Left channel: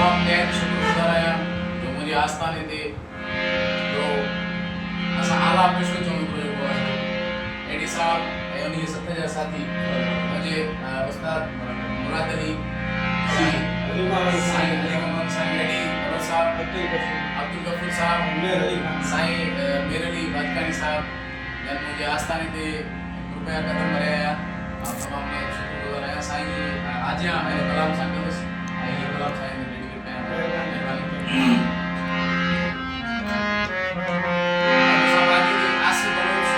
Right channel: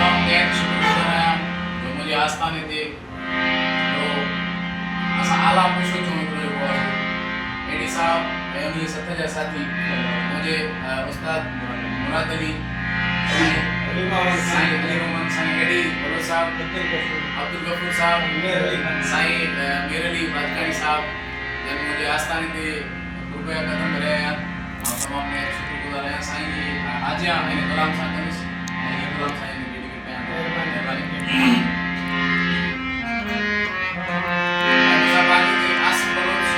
तमाम दैन शुक्रगुज़ार आहियां जो मुंहिंजे आस्थाने ते जो असां आला पुष्प चूं हिकिड़ो जेको आहे एडी साहब ऐं उनजे साथ जा साथी मुंहिंजे उस्ताद मुराद अली साईं अली मोहम्मद साईं एडी भगत साहब अब्दुल गफूर साहब साईं मीर अली बादकानी साहब जन मुझे आस्थाने ते रुपया कदम भरिया आया तमाम ने शुक्रगुज़ार आहियां साईं जी आजियां ऐं कलाम सां कंदुसि ऐं हीअ कलाम साईं ने डेडिकेट कयां महिरबानी असां पंहिंजी ते आसिफ़ बलोच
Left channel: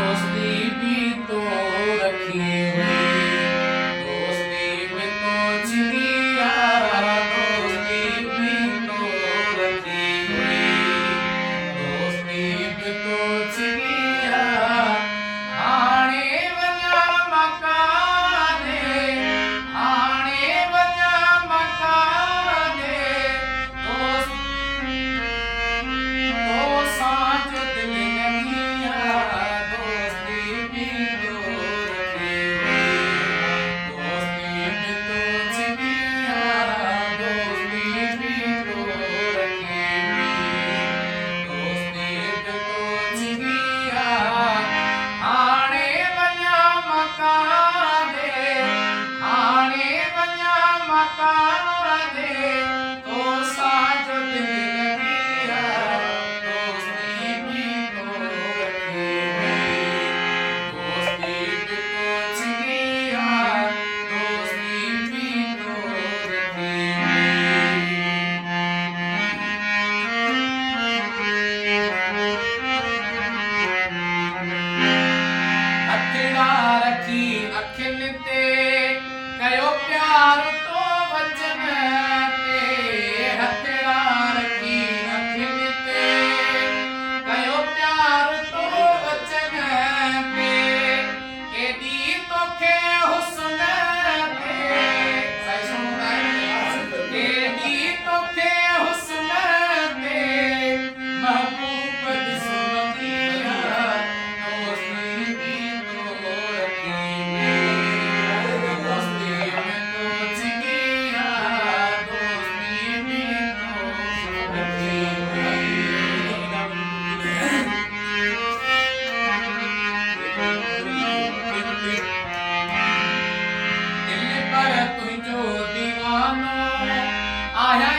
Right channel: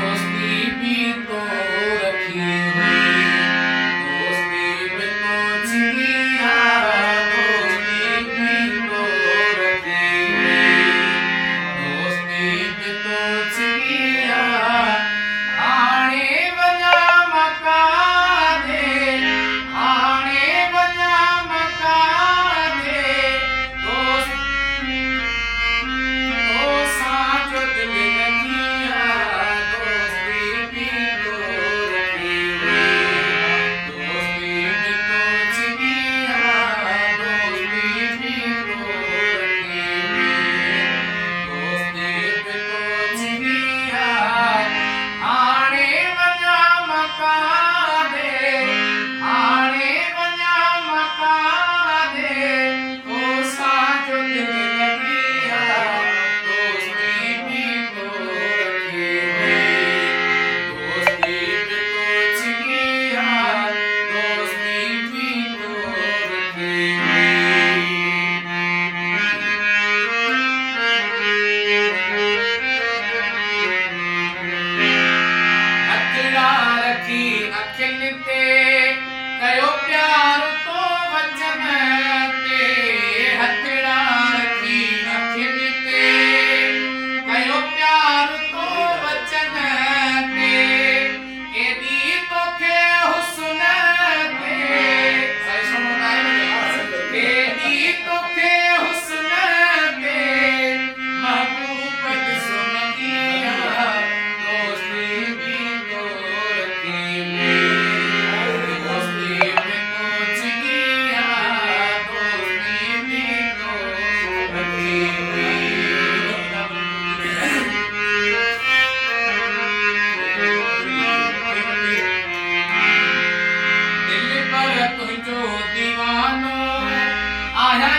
दोस्ती भी तो रखी हुई दोस्ती में तो छिया दोस्ती भी तो रखी हुई दोस्ती में तो छिया हाणे वञा मकाने हाणे वञा मकाने दोसां जो दिल लॻिया दोस्ती भी तो रखी हुई दोस्ती में तो छिया दोस्ती भी तो रखी हुई दोस्ती में तो छिया हाणे वञा मकाने हाणे वञा मकाने दोसां जो दिल लॻिया दोस्ती भी तो रखी हुई दोस्ती भी तो छिया दोस्ती भी तो रखी हुई हथड़ा रखी अखियुनि ते कयो प्यार तो वचन ते हथड़ा रखी अखियुनि ते कयो प्यार तो वचन ते केॾी तोखे हुस्न ते साईं सुनो ताईं केॾी तोखे हुस्न ते महबूब ॾिसमतिया दोस्ती भी तो रखी हुई दोस्ती में तो छिया दोस्ती भी तो रखी हुई दिल पर तुझो दीवानो आया